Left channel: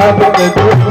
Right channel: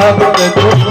भक्त दुख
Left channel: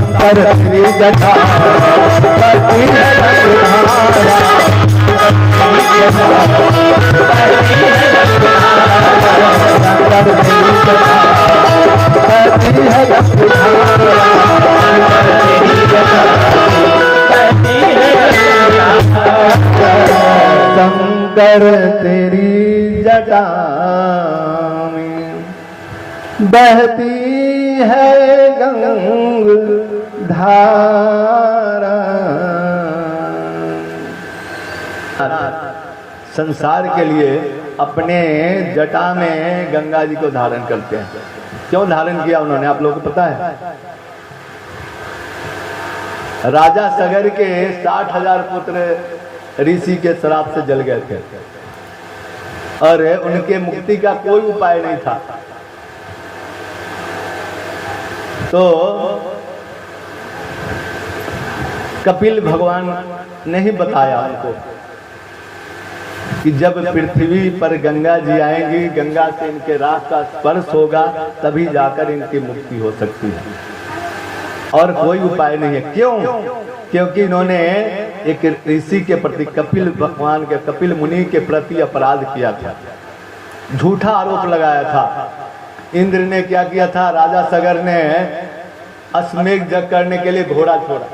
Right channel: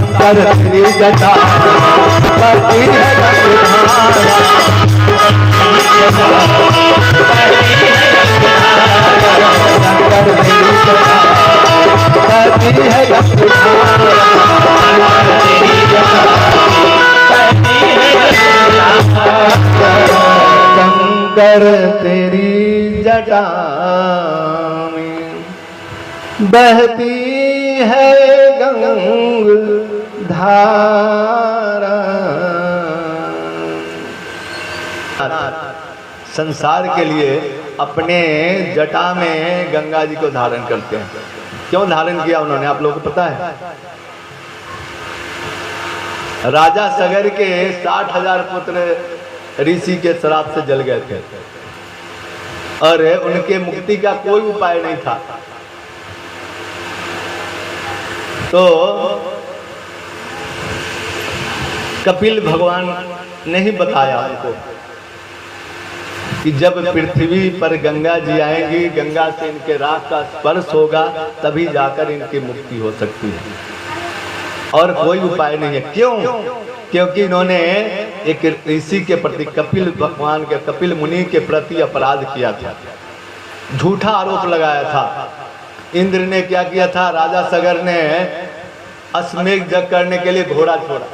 कैलाश में जटा पति शंकर तेरी जटा बहती है गंगा धारा। संसार के लिए अपने जटा में गंगा जी को धारण करते हैं। क्यों धारण किया उन्होंने, आप लोगों को पता है? राजा सगर के 60,000 पुत्र ऋषि के श्राप से जल गए थे और उनके मुक्ति का कोई उपाय नहीं था। तो कपिल भगवान ने ही बताया उनको कि जब पृथ्वी पर गंगा जी आएंगी, गंगा से इनके राख का स्पर्श होगा, तभी जाकर इनकी मुक्ति हो सकती है और कोई उपाय नहीं है। क्यों? क्योंकि इन्होंने एक ऋषि के प्रति, कपिल भगवान के, कपिल मुनि के प्रति अपराध किया था, झूठा आरोप लगाया था। इंद्र ने क्या किया था? राजा सगर ने अश्वमेध यज्ञ करने के लिए घोड़ा छोड़ा।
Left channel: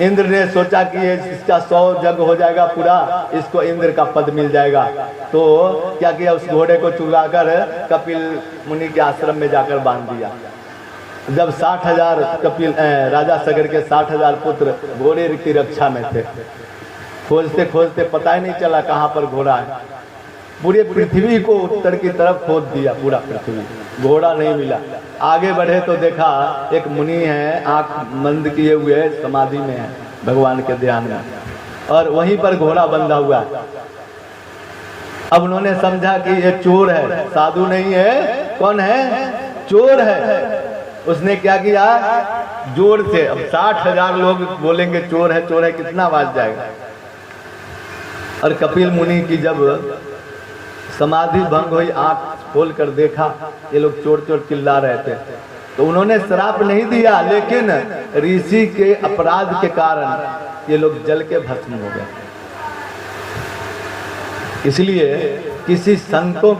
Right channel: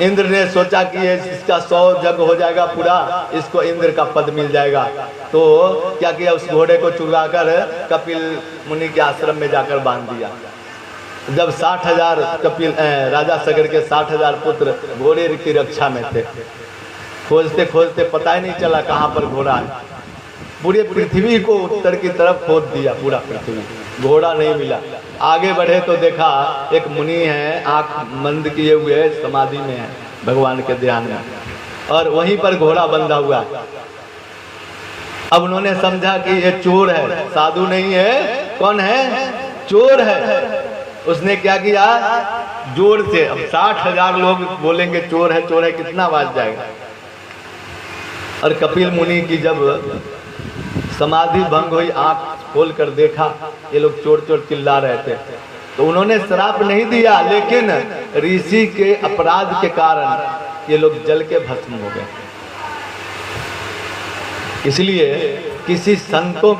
इंद्र ने सोचा कि इसका 100 यज्ञ हो जाएगा पूरा, इसको इंद्र का पद मिल जाएगा। तो क्या किया? उस घोड़े को चुराकर कपिल मुनि के आश्रम में जाकर बांध दिया। जब 60,000 राजा सगर के 60,000 पुत्र घोड़े की रक्षा में थे, खोजते खोजते पता ही नहीं चला कहाँ पर घोड़ा है। पूरे पृथ्वी को उत्तर की तरफ खोद दिया, पूरा पृथ्वी, घोड़ा नहीं मिला। आगे बढ़े तो देखा एक मुनि है, आंख बंद किए हुए समाधि में है, भगवान के ध्यान में, और वहीं पर घोड़ा बंधा हुआ है। अब उन्होंने समझा कि ये चोर है, साधु नहीं है। कौन है? चोर है। उसने क्या किया, जोर से, अब 60,000 लोग बोलेंगे चोर है, कितना आवाज जाएगा। और कपिल मुनि की जब समाधि भंग हुई, आंख खोल कर देखा, ये लोग चोर चोर चिल्ला रहे थे, तो उन्होंने श्राप नहीं दिया, लेकिन ऋषि के अपराध के कारण ये लोग जल के भस्म हो गए। इसलिए किसी संतों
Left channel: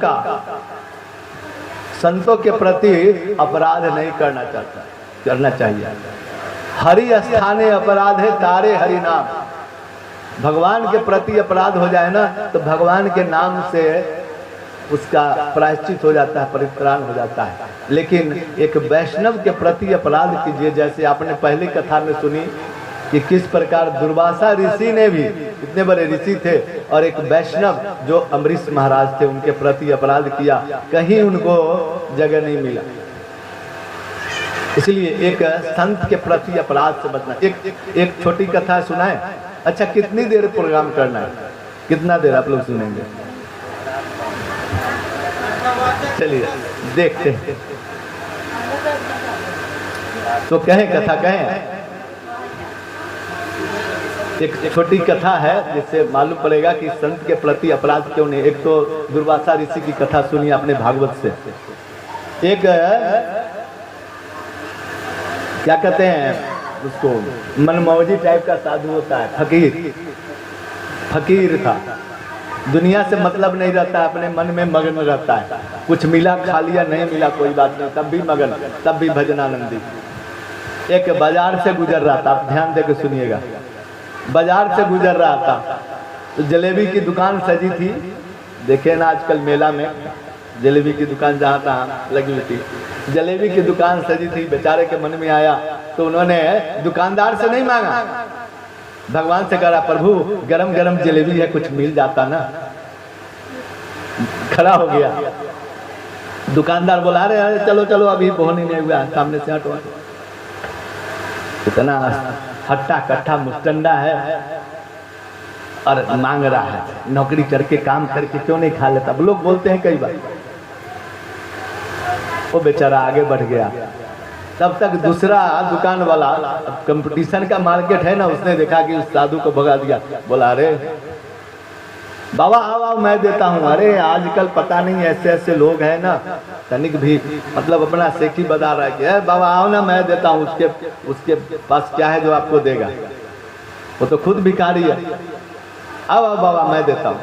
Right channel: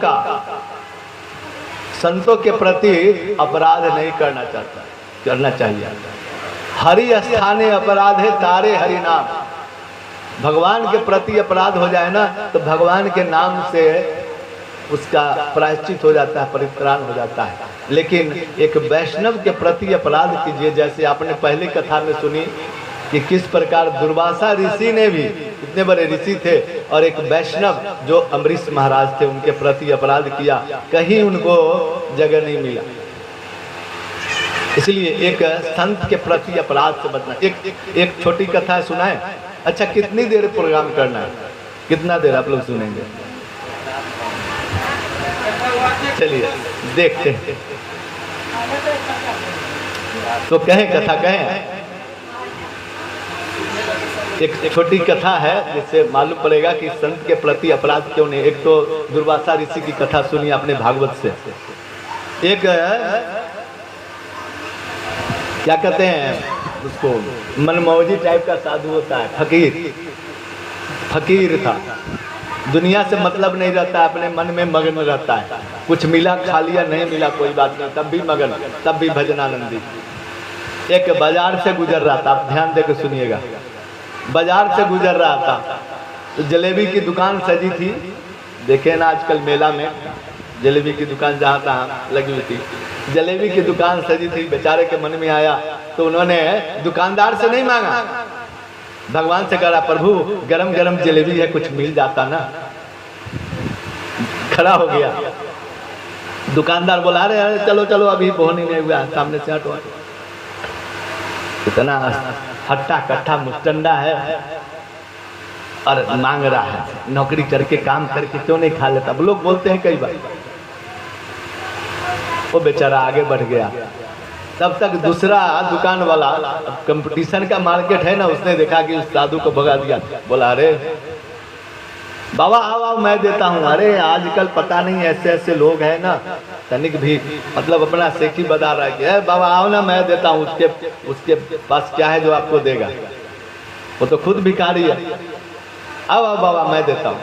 के प्रति अपराध नहीं करना चाहिए। हरि स्थाने अपराध है तारे हरि नाम। भगवान के प्रति अपराध हो जाए ना, तो भगवान के नाम से उसका प्रायश्चित हो जाता है, परित्राण हो जाता है। लेकिन एक वैष्णव के प्रति अपराध कीजिए, जैसे आपने पहली कथा में सुनी कि किस प्रकार दुर्वासा ऋषि ने भी, इतने बड़े ऋषि थे, और एक वैष्णव जो अम्बरीश महाराज थे, उनके प्रति अपराध किया, कहीं उनको जगह नहीं मिला। इसलिए एक संत के प्रति अपराध से बचना। एक छोटी कथा सुनाए। अच्छा, कितनी देर प्रोग्राम करना है, कितना देर आप लोग सुनेंगे? चलिए देखते हैं, तो कहें कथा कहें। एक छोटी कथा है जिससे मालूम पड़ेगा कि संत के प्रति अपराध क्यों नहीं। एक तो दुर्वासा ऋषि की कथा सुनी आपने भागवत से। एक क्या कहते हैं उसको, मनमौजी टाइप का साधु होता है, फकीर था, दुनिया से मतलब नहीं रहता, अपने मन में मगन रहता है। कुछ मिला खा लिया, नहीं मिला कोई बात नहीं, तब भी मगन, तब भी भजनानंदी। एक बाजार से गुजर रहा था, आप ध्यान देकर सुनिएगा। बाजार से गुजर रहा था तो जलेबी की दुकान सजी थी। देखे ना आजकल मेला में जलेबी की दुकान जहाँ तहाँ लगी हुई थी, जलेबी की दुकान सजी थी। बेचारे के मन में आया तो उन्होंने दुकानदार से नहीं मांगा, भगवान से कहा, प्रभु गरम गरम जलेबी है, कुछ मिल जाता ना। खड़ा हो गया, दुकानदार बोला, अरे चलो चलो अभी बहुत नहीं हुआ, सामने से हटो। इतना हट्टा कट्टा मुस्टंडा है और मांग रहा है, नौकरी करके काम करके क्यों नहीं खा लेता। अब लोग बोलते हैं कई बार। वो बेचारा आगे बढ़ गया। तब तक दूसरा दुकान वाला, कंपटीशन का मार्केट है ना, उसने देखा कि उस साधु को भगा दिया। बोला, अरे बाबा आओ मैं देता हूँ। अरे आजकल पता नहीं ऐसे ऐसे लोग हैं ना, तनिक भी मतलब अपना सेखी बता रहा है कि बाबा आओ ना मैं देता हूँ, उसके पास क्या है जो आपको देगा, वो तो खुद भिखारी है। आओ आओ बाबा मैं देता हूँ।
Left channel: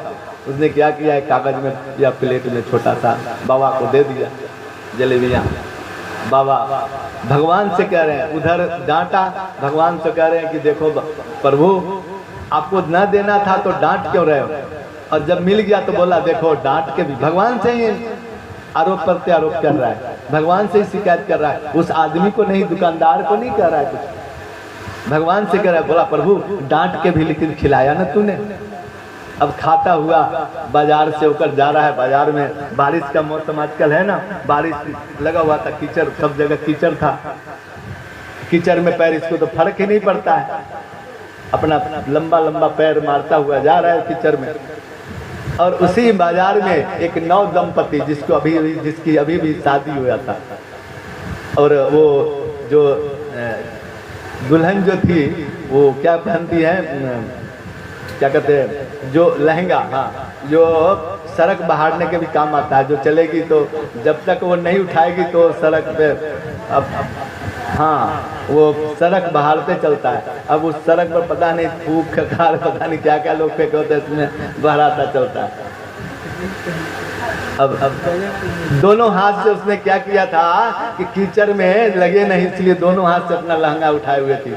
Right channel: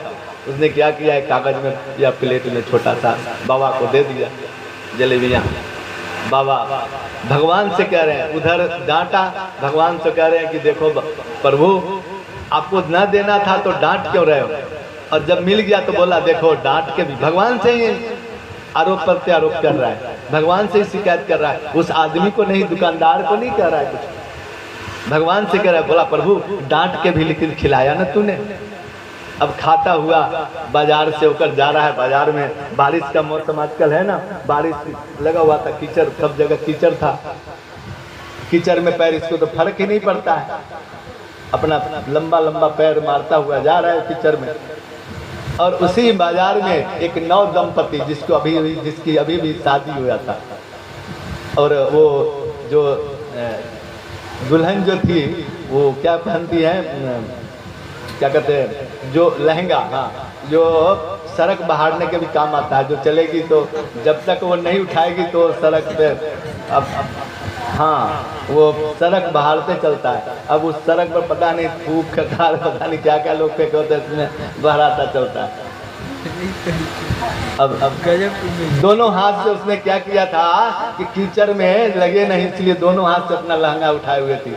उसने क्या किया, एक कागज में या प्लेट में छोटा सा बाबा को दे दिया जलेबियाँ। बाबा भगवान से कह रहे हैं, उधर डांटा, भगवान से कह रहे हैं कि देखो प्रभु आपको न देना था तो डांट क्यों रहे हो। और जब मिल गया तो बोला देखो डांट के भी, भगवान से ही आरोप प्रत्यारोप कर रहा है, भगवान से ही शिकायत कर रहा है। उस आदमी को नहीं, दुकानदार को नहीं कह रहा है कुछ, भगवान से कह रहा है। बोला प्रभु डांट के भी लेकिन खिलाया ना तूने। अब खाता हुआ बाजार से होकर जा रहा है। बाजार में बारिश का मौसम आजकल है ना, बारिश लगा हुआ था, कीचड़ सब जगह कीचड़ था। कीचड़ में पैर, इसको तो फर्क ही नहीं पड़ता है, अपना लंबा लंबा पैर मारता हुआ जा रहा है कीचड़ में। और उसी बाजार में एक नव दंपति जिसकी अभी भी शादी हुआ था, और वो जो दुल्हन जो थी वो क्या पहनती है, क्या कहते हैं, जो लहंगा, हाँ, जो सड़क बहारने के भी काम आता है। जो चलेगी तो जब तक वो नहीं उठाएगी तो सड़क पे, अब हाँ वो सड़क बहारते चलता है। अब उस सड़क पर पता नहीं थूक खकार पता नहीं क्या क्या लोग फेंके होते हैं, उसमें बहराता चलता है। अब दोनों हाथ से उसने क्या किया था कि कीचड़ में लगे नहीं, इसलिए दोनों हाथ से अपना लहंगा उठाए हुए थी।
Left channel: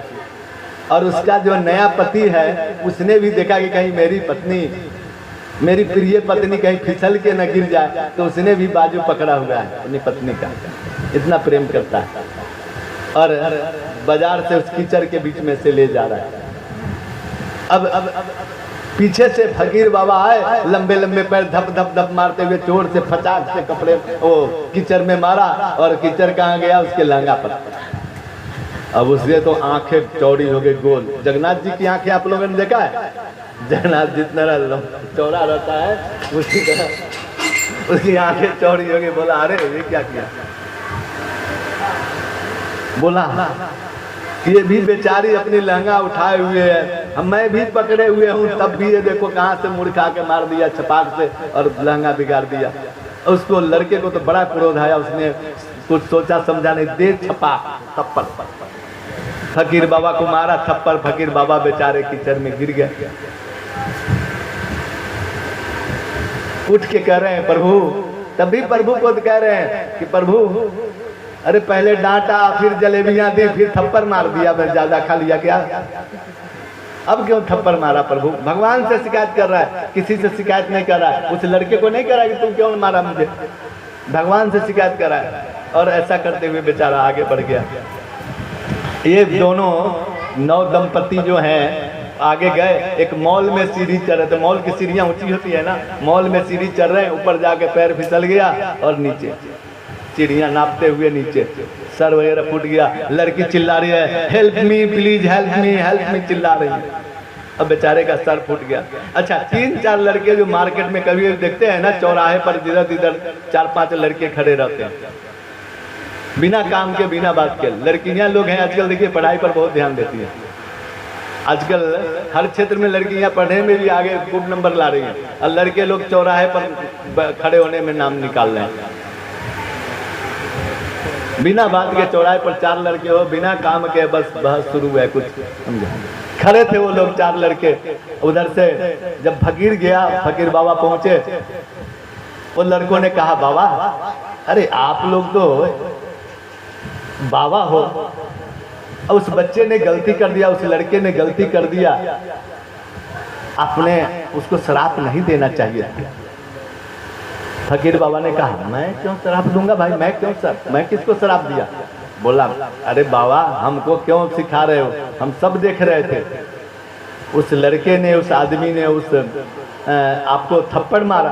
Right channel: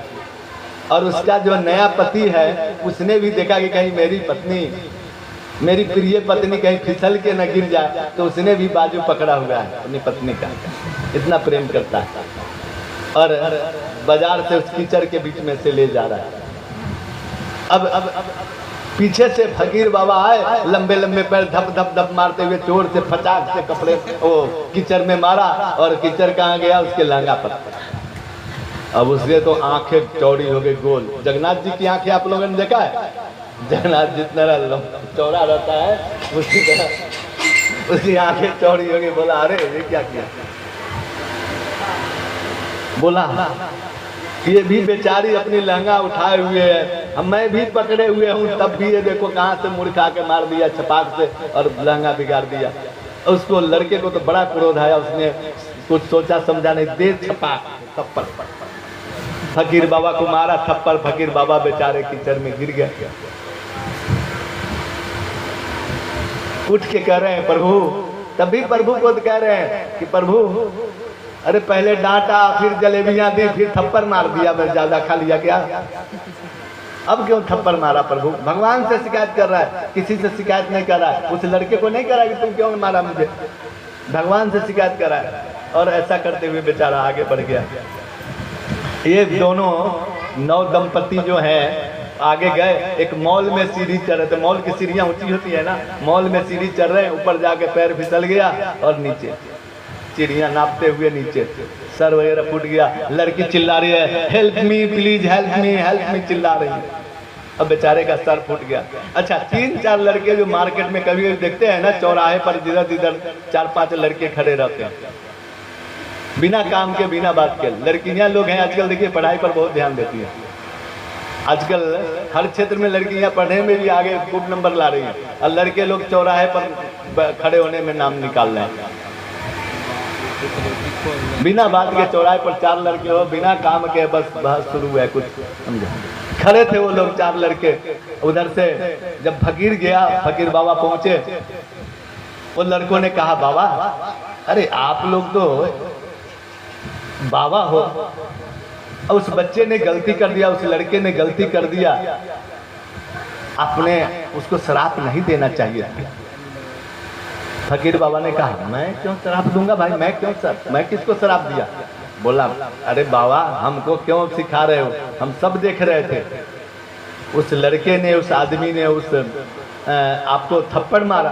और उसका जो नया पति है उसने भी देखा कि कहीं मेरी पत्नी, मेरी प्रिय पत्नी कहीं फिसल के न गिर जाए, तो उसने भी बाजू पकड़ा हुआ है अपनी पत्नी का, इतना प्रेम करता है। और बाजार से उस कीचड़ के बीच में से ले जा रहा है। अब पीछे से फकीर बाबा आए, लंबे लंबे पैर धप धप धप मारते हुए चोर से फटाक से कपड़े वो कीचड़ में मारा, और कीचड़ कहाँ गया, उसके लहंगा पर। अब उसके तो आंखें चौड़ी हो गई, गोल। जगन्नाथ जी की आंखें आप लोगों ने देखा है, जगन्नाथ जितना चौड़ा रहता है उसी तरह उसकी आंखें चौड़ी हो गई। बोला अरे ये क्या किया। बोला ये भी बेचारी अपनी लहंगा उठाए हुए है, मैं भी पकड़े हुए हूँ, तब भी ये देखो कहाँ से मुड़ खा के मार दिया छपाक से और लहंगा बिगाड़ दिया। उसको लड़के को तो बड़ा क्रोध आया, उसने कुछ सोचा समझा नहीं, दे छपाक थप्पड़। फकीर बाबा को मारा थप्पड़, फकीर बाबा बेचारे कीचड़ में गिर गया। उठ के कह रहे हैं प्रभु, तभी प्रभु को कह रहे हैं कि प्रभु अरे पहले डांटा, फिर जलेबियां दी, फिर थप्पड़ मार दिया, मैं ज्यादा खा लिया क्या? अब क्यों थप्पड़ मारा प्रभु? भगवान से शिकायत कर रहा है, किसी से शिकायत नहीं कर रहा है। उस लड़के को नहीं कर रहा है कि तुम क्यों मारा मुझे, भगवान से शिकायत कर रहा है। और ऐसा करते हुए बेचारा आगे बढ़ गया। ये दोनों नौ दंपति जो हैं आगे गए, एक मॉल में सीढ़ी चढ़ रहे थे, मॉल की सीढ़ियां ऊंची होती है ना, मॉल में सीढ़ी चढ़ रहे, ऊपर जाके पैर फिसल गया और नीचे सीढ़ियां नापते हुए नीचे सर वगैरह फूट गया। लड़की चिल्ला रही है, help me please, help me चिल्ला रही है। अब बेचारे का सर फूट गया। अच्छा, 3-4 लड़के जो मार्केट में कभी देखते हैं ना, चौराहे पर जिधर जिधर 4-5 लड़के खड़े रहते हैं, बिना काम के बिना बात के। लड़कियां लोग हैं आजकल, देखिए पढ़ाई पर बहुत ध्यान देती हैं आजकल, हर क्षेत्र में लड़कियां पढ़ने में भी आगे खूब नंबर ला रही हैं, और लड़के लोग चौराहे पर खड़े होने में नाम निकाल रहे हैं। बिना बात के चौराहे पर 4 लड़के हो, बिना काम के बस बहस शुरू है कुछ, समझा। खड़े थे वो लोग 4 लड़के। उधर से जब फकीर गया, फकीर बाबा पहुंचे, वो लड़कों ने कहा बाबा अरे आप लोग तो बाबा हो, उस बच्चे ने गलती कर दिया, उस लड़के ने गलती कर दिया, आपने उसको श्राप नहीं देना चाहिए। फकीर बाबा ने कहा मैं क्यों श्राप दूंगा भाई, मैं किसको श्राप दिया? बोला अरे बाबा हमको क्यों सिखा रहे हो, हम सब देख रहे थे, उस लड़के ने, उस आदमी ने उस आपको थप्पड़ मारा,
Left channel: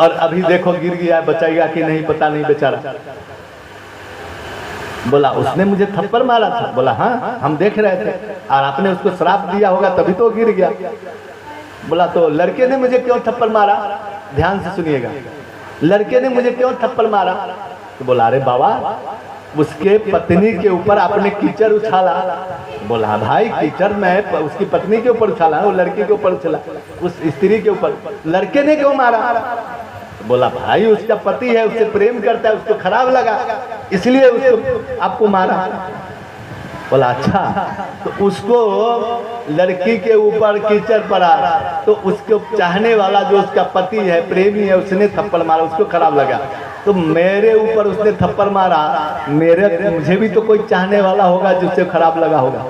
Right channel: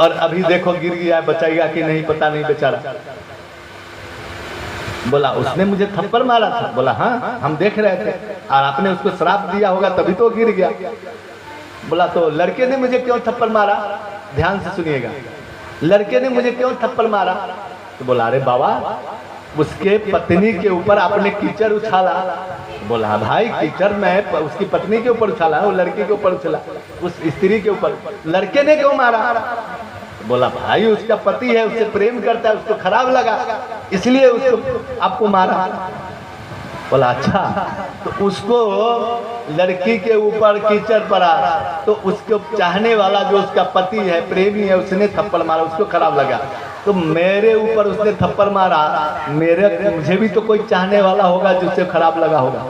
और अभी देखो गिर गया, बचाएगा कि नहीं पता नहीं बेचारा। बोला उसने मुझे थप्पड़ मारा था? बोला हाँ हम देख रहे थे, और आपने उसको श्राप दिया होगा तभी तो गिर गया। बोला तो लड़के ने मुझे क्यों थप्पड़ मारा? ध्यान से सुनिएगा, लड़के ने मुझे क्यों थप्पड़ मारा? तो बोला अरे बाबा उसके पत्नी के ऊपर आपने कीचड़ उछाला। बोला भाई कीचड़ मैं उसकी पत्नी के ऊपर उछाला, वो लड़के के ऊपर उछाला, उस स्त्री के ऊपर, लड़के ने क्यों मारा? बोला भाई उसका पति है, उससे प्रेम करता है, उसको खराब लगा इसलिए उसको आपको मारा। बोला अच्छा, तो उसको लड़की के ऊपर कीचड़ पड़ा तो उसको चाहने वाला जो उसका पति है, प्रेमी है, उसने थप्पड़ मारा, उसको खराब लगा, तो मेरे ऊपर उसने थप्पड़ मारा, मुझे भी तो कोई चाहने वाला होगा जिससे खराब लगा होगा,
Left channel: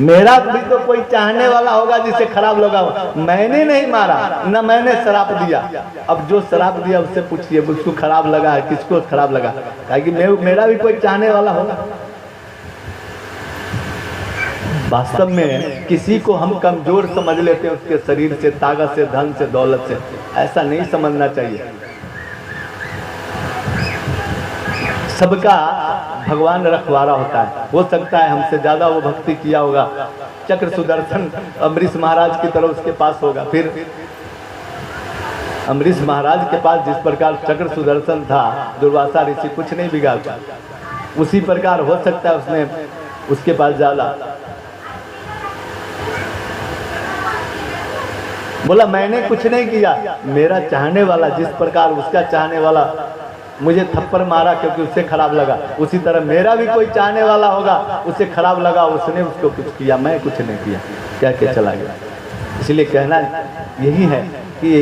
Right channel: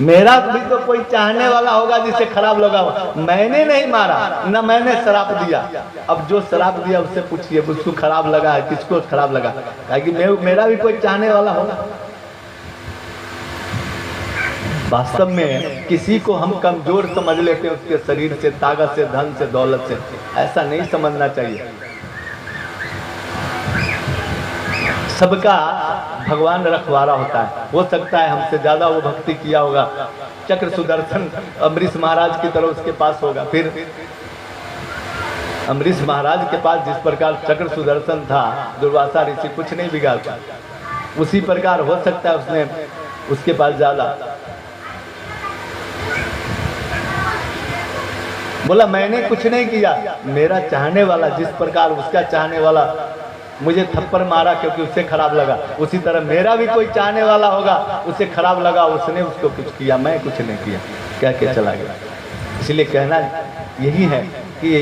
मेरा भी तो कोई चाहने वाला होगा जिसे खराब लगा होगा। मैंने नहीं मारा, न मैंने शराब दिया। अब जो शराब दिया उससे पूछिए उसको खराब लगा है, किसको खराब लगा, कि मेरा भी कोई चाहने वाला होगा। वास्तव में किसी को हम कमजोर समझ लेते हैं उसके शरीर से, ताकत से, धन से, दौलत से, ऐसा नहीं समझना चाहिए। सबका भगवान रखवारा होता है, हो सकता है हमसे ज्यादा वो भक्ति किया होगा, चक्र सुदर्शन अम्बरीश महाराज की तरह उसके पास होगा, फिर अम्बरीश महाराज के पास जिस प्रकार चक्र सुदर्शन था, दुर्वासा ऋषि कुछ नहीं बिगाड़ता, उसी प्रकार हो सकता है उसने उसके पास ज्यादा। बोला मैंने कुछ नहीं किया, मेरा चाहने वाला जिस प्रकार उसका चाहने वाला मुझे थप्पड़ मारा क्योंकि उससे खराब लगा, उसी तरह मेरा भी कोई चाहने वाला होगा, उससे खराब लगा, उसने उसको कुछ किया, मैं कुछ नहीं किया, क्या क्या चला गया। इसलिए कहना यही है कि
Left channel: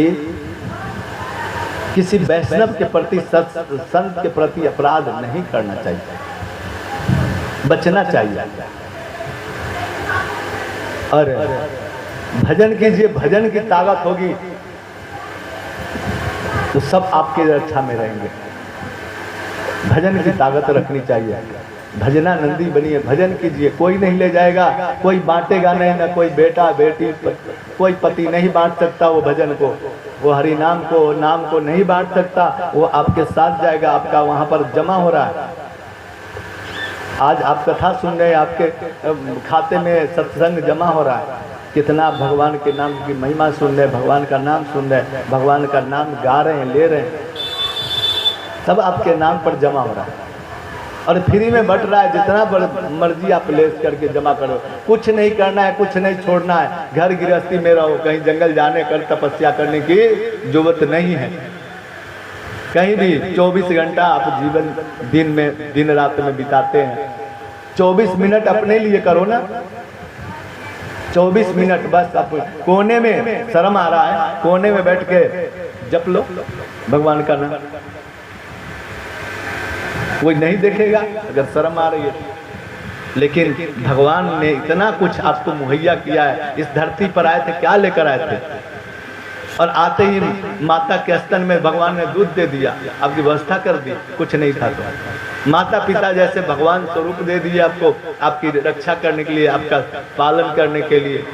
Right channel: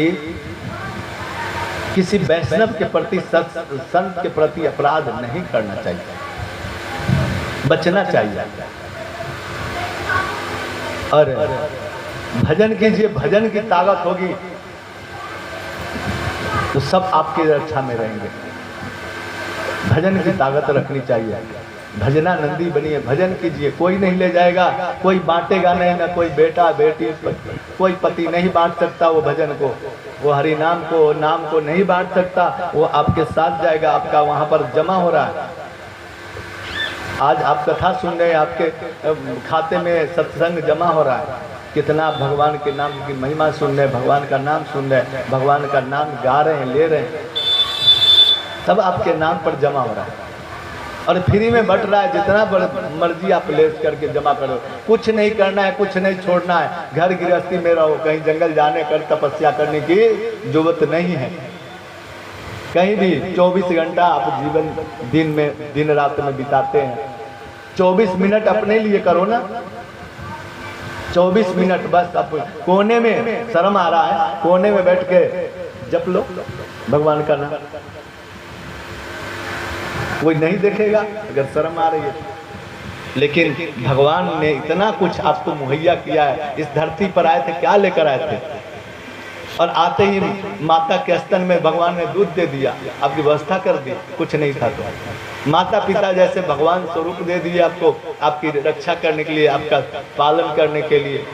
किसी वैष्णव के प्रति, संत के प्रति अपराध नहीं करना चाहिए, बचना चाहिए। और भजन कीजिए, भजन की ताकत होगी तो सब आपके रक्षा में रहेंगे। भजन की ताकत रखनी चाहिए, भजना नंदी बनिए, भजन कीजिए, कोई नहीं ले जाएगा, कोई बांटेगा नहीं, ना कोई बेटा बेटी, कोई पति नहीं बांट सकता वो भजन को, वो हरि नाम को, नाम को नहीं बांट सकता, वो आपके साथ जाएगा, आपका वहां पर जमा हो रहा है। आज आप कथा सुन रहे हैं, आपके खाते में सत्संग जमा हो रहा है, कितना भगवान के नाम की महिमा सुन रहे, भगवान का नाम सुन रहे, भगवान का नाम गा रहे हैं, ले रहे हैं। सब आपके नाम पर जमा हो रहा है और फ्री में बट रहा है। जितना मर्जी आप लेस करके जमा करो, कुछ नहीं करना है, कुछ नहीं छोड़ना है। घर गृहस्थी में रहो, कहीं जंगल जाने कर तपस्या करने की जरूरत नहीं है। कहीं भी 24 घंटा आप जीवन दिन रात में बिताते हैं, 24 मिनट अपने लिए करो ना। 24 मिनट बस आप कोने में, शर्म आ रहा है, कोने में बैठ के जप लो भगवान का नाम। कोई नहीं देखेगा अगर शर्म आ रही है। लेकिन भगवान ने इतना कुछ आपको मुहैया किया है। इस धरती पर आए थे, क्या लेकर आए थे? और आते ही माता के स्तन में भगवान ने दूध दे दिया, आपकी व्यवस्था कर दी। कुछ नहीं था तो माता पिता जैसे भगवान स्वरूप दे दिए आपको, आपकी रक्षा करने के लिए, आपका पालन करने के लिए।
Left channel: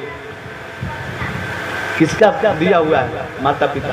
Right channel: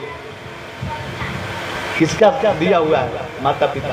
किसका दिया हुआ है? माता पिता।